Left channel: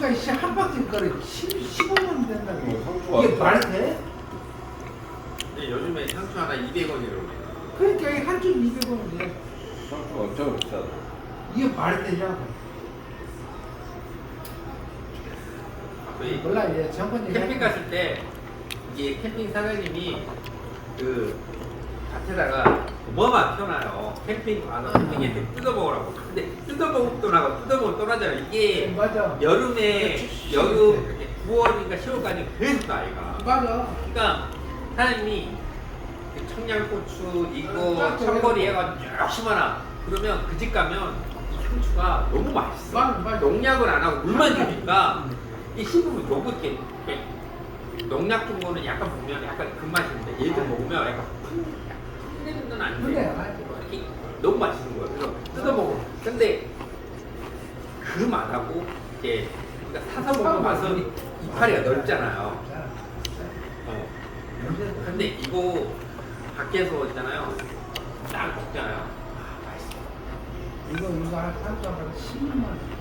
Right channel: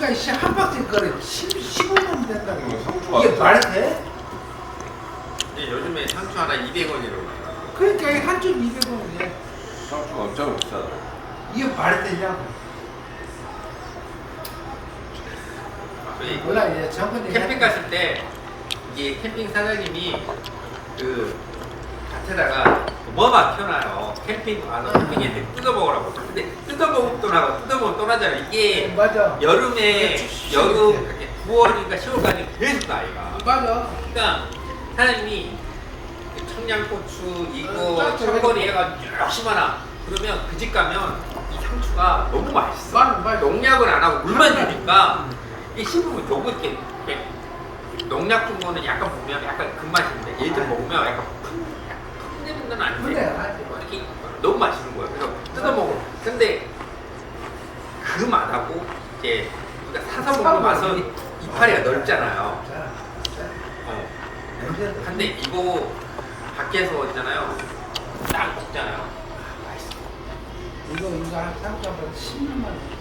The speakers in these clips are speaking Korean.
박스가 한 박스 거래 15년 된다고 상추 이게 말이 돼? 네, 요즘에 상추 하나 200원이라고 그러니까 한쪽 200원이야 상추 엄청 비싸다 이게 말이 되냐고 아, 몰라 이제 저번에 캠핑 말해. 갔을 때 이게 캠핑 사장님이 그 밭에다가 어마막혀놔요 캠핑 가서 캠핑에 아. 뜯어먹으라고 근데 뜯어먹고 떠나고 뜯어먹고 떠나잖아 이게 네, 여름에 여름 9월인가 네. 10월까지 계속 나이가 맞아 그러니까 사장님이 그 청양고추 이거 청거리 해가지고 심하나 그러면 그 집 가면 이 상추가 너무 맛있어 맞아, 맞아. 농약을 안 하고 물만 주니까 맞아. 이 심으면 좋고 이게이 농약 준 거는 약간 보면 약간 금맛인데 그 얘들 먹으면 약간 맛은 아, 아닌데 너무 맛있는 거야. 그래서 뜯어 먹어. 근데 그 맛하고 이제 그러니 사서 그 먹는 그 맛은 그 이, 이, 이파리가 아, 넓잖아요. 어. 아, 근데, 아, 근데 이거 밖에서 있잖아요. 딱 먹잖아요. 아, 이거 인가 한가격 10만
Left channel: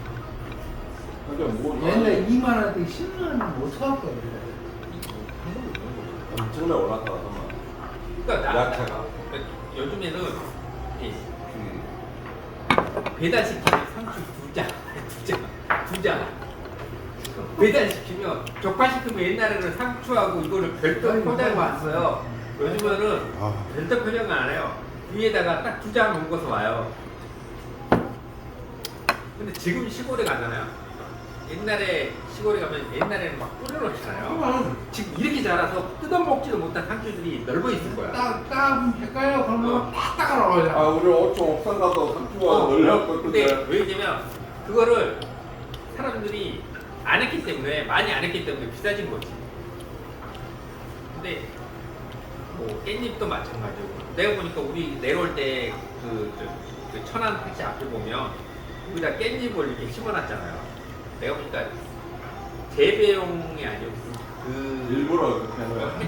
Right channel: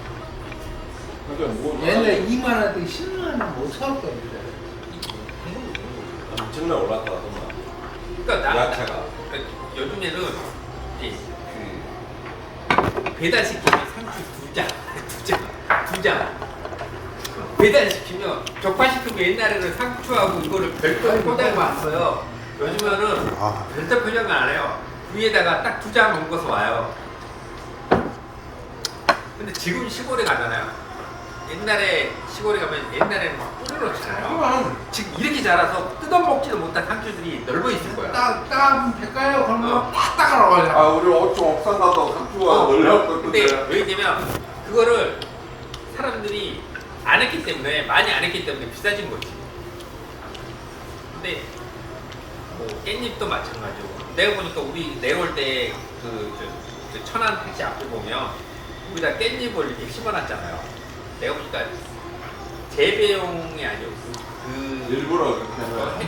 옛날 2만 원대 1만 원못 사왔거든요. 엄 올랐다 그만. 그러니 야채가 요즘에는 이, 그 배달시키면 상추 두장두장두장 장, 장. 배달시키면 적파시키면 옛날에는 상추하고 이거를 별도 포장을 아, 아, 왔어요 아, 요즘에는 아. 별도 포장을 안 해요 위에다가 딱 두장 묶어서 와요 근데 지금 시골에 가잖아요 옛날에 시골에 가면 옛날에막꾸리를잖아요 지금 이렇게 자라서 뜯어먹지도 못한 상추들이 넓어 있을 거야. 딱, 딱, 될까요? 그러면 딱, 딱 하러 가야 아, 우리 어쩜 없산가서 상추가 멀렸던 어, 어울렸었던데. 근데 왜냐면 그거를 사람들이 안 했기 때문에, 많이 안 했기 때문에 비싸진 거지. 근데 뭐 깻잎도 마찬가지고. 내가 보니까 우리 내려올 때 그, 천안 택시 앞에 보면 우리가 깻잎을 이렇게 심어놨잖아요. 내가 볼 때, 재배용이 아니었 그. 일부러 그렇게 하는